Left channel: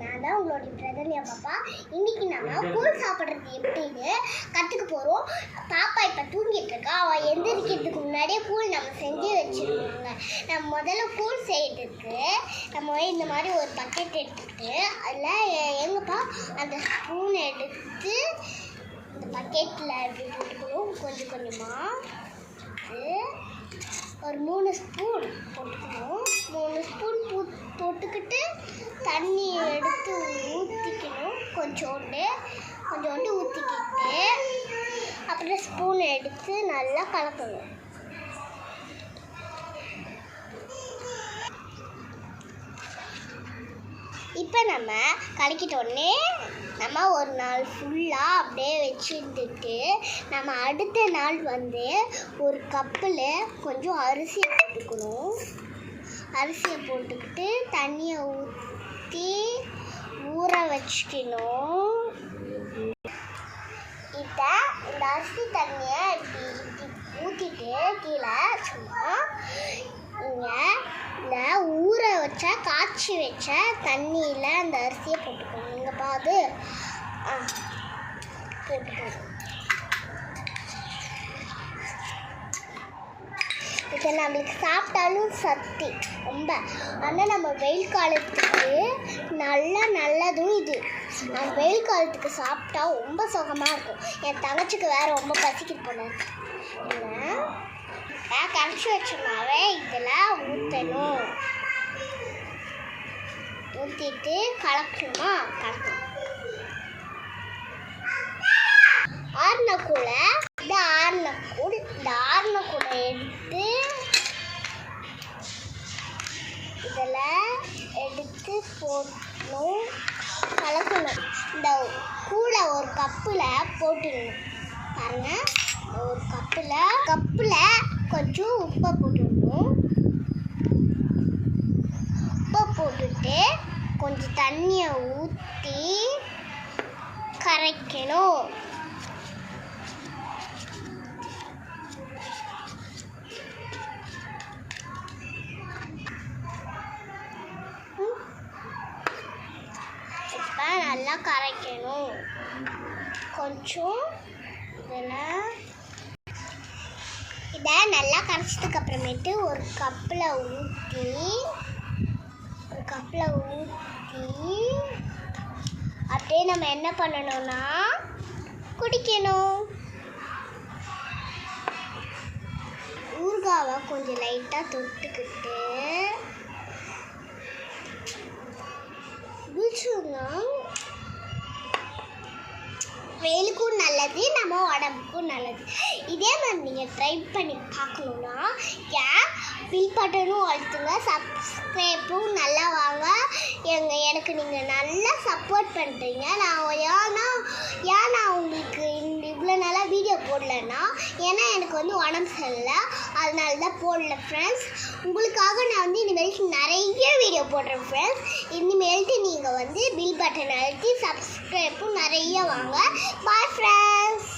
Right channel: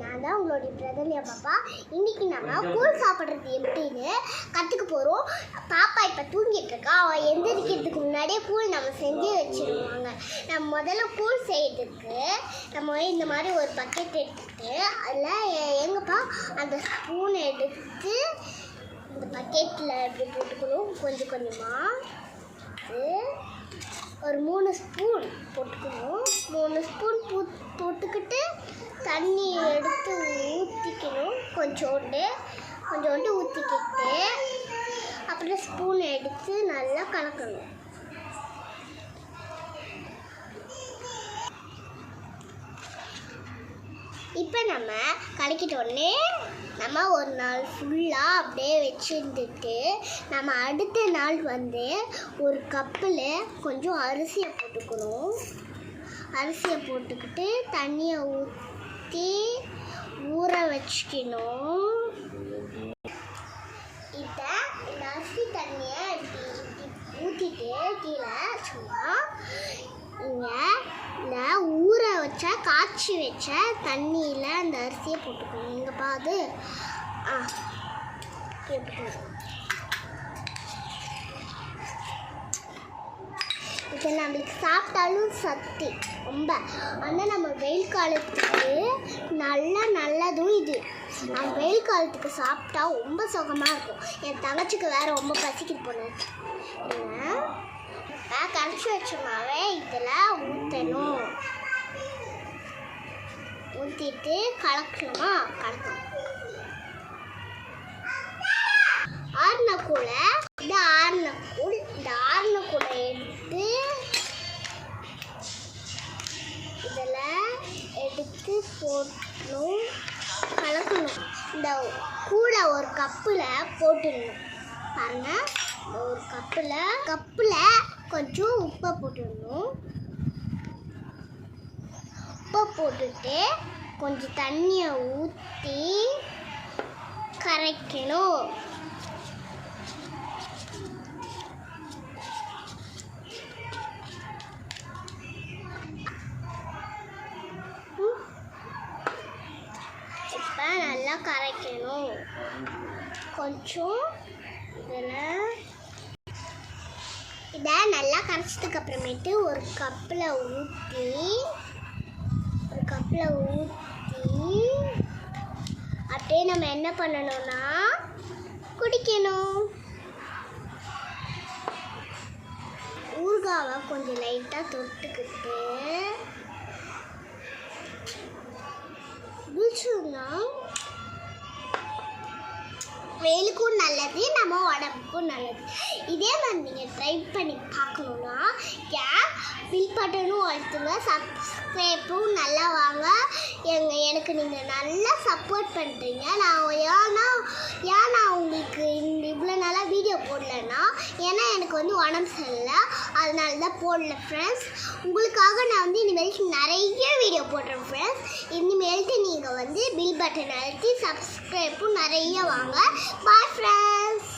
நான் தான் உங்களுடைய பிரதன்யா பாப்பா. இன்னைக்கு நம்ம கூழ் சாப்பிட்றது எப்படின்னு கற்றுக்க போகிறோம். பாப்பா இப்போ தூங்கிட்டு இருக்கா. அவள் எந்திரிக்கிறதுக்கு முன்னாடியே கூழ் நம்ம செஞ்சு வச்சுருவாங்க. நம்ம முதல்ல கூழ் செய்யறதுக்கு நம்ம இந்த மாதிரி ஒரு பக்கெட் எடுத்துக்கிட்டு அதில் எங்கப்பா அந்த ஸ்பூன் எடுத்து இந்த பக்கெட்டில் இப்படி போட்டுக்கணும். கொஞ்சம் கொஞ்சமாக ஒரு 3 ஸ்பூன் போட்டுக்கணும். 3 ஸ்பூன் போட்டுக்கிட்டு தண்ணி எடுத்து ஊற்றிக்கணும். கொஞ்சோண்டு ஊற்றிக்கிட்டு அப்புறம் ஸ்பூன் எடுத்து நல்லா கலக்கணும். இப்போ நம்ம கலக்கிட்டோடனே நம்ம ஒரு நாள் ஃபுல்லாக அப்படியே வச்சுருந்துட்டு நம்ம அடுத்த நாள் ஒரு கப்பில் கொஞ்சம் அரிசியை போட்டுக்கணும். அரிசியை போட்டுக்கிட்டு தண்ணியை ஊற்றி ஊற வச்சுக்கணும். இப்போ இந்த அரிசி தண்ணியை ஊற்றிட்டு கீழே சும்மா இந்த ஊற வச்ச காய்ச்சி வச்ச தண்ணியில் அந்த அரிசியை போட்டுக்கணும். இங்கே பாது இப்போ நம்மளுக்கு சாப்பிட்டாலும் சத்து ரொம்ப. ஆனால் நம்ம வெயில் காலத்துக்கு நல்லதும் இது. நம்ம வெயில் காலத்துக்கு சாப்பிட்டா ரொம்ப சுகமாக இருக்கும். என் தங்கச்சிக்கு வேறு ரொம்ப பசிக்கிட்டு போனேன். கரைச்சி வச்ச மாவை இதில் ஊற்றணும். ஊற்றிட்டு கலக்கணுமா? கலக்கணும். ஆறுன கூடை எடுத்து இதில் எடுத்து போடணும். கலக்கணும். இந்த கூடை ஒரு கப்பில் போட்டுடணும். பாருங்கள், ஒரு கப்பில் கொஞ்சம் உப்பை போட்டுடணும். உப்பை போட்டுட்டு கொஞ்சம் தண்ணியை ஊற்றி கரைக்கணும். இப்போ நல்லா கரைக்கணும். கொஞ்சம் இதை நல்லா கரைச்சதுக்கு அப்புறமேட்டு ஒரு கப்பில் ஊற்றி அப்படியே நம்ம என்ன பண்ணணும்னா குடிக்கணும். ஊறுகாவை கொஞ்சம் லைட்டாக தொட்டுக்கிட்டு குடிச்சோம்னா வெயிலுக்கும் நல்லது, நம்ம உடம்புக்கும் நல்லது. இதே மாதிரி நீங்கள் ட்ரை பண்ணி பார்க்கணுன்னா பில் பட்டனும் அழுத்துங்க, சப்ஸ்கிரைப்பும் நல்லா வாங்க. எனக்கு நீங்கள் நல்லா சப்போர்ட் பண்ணுறீங்க. நான் உங்களுக்கு இவ்வளோ நாளாக வீடியோ போடலன்னா ஏன்னா எனக்கு உடம்பு சரியில்லை, அதனால தான் போடல ஃப்ரெண்ட்ஸ். உங்களுக்காக நான் இனிமேல் நிறைய வீடியோ போடுறேன் ஃப்ரெண்ட்ஸ். இனிமேல்ட்டு நீங்கள் பில் பட்டன் அழுத்தி சப்ஸ்கிரைப்பும் நிறைய வாங்க. Bye friends.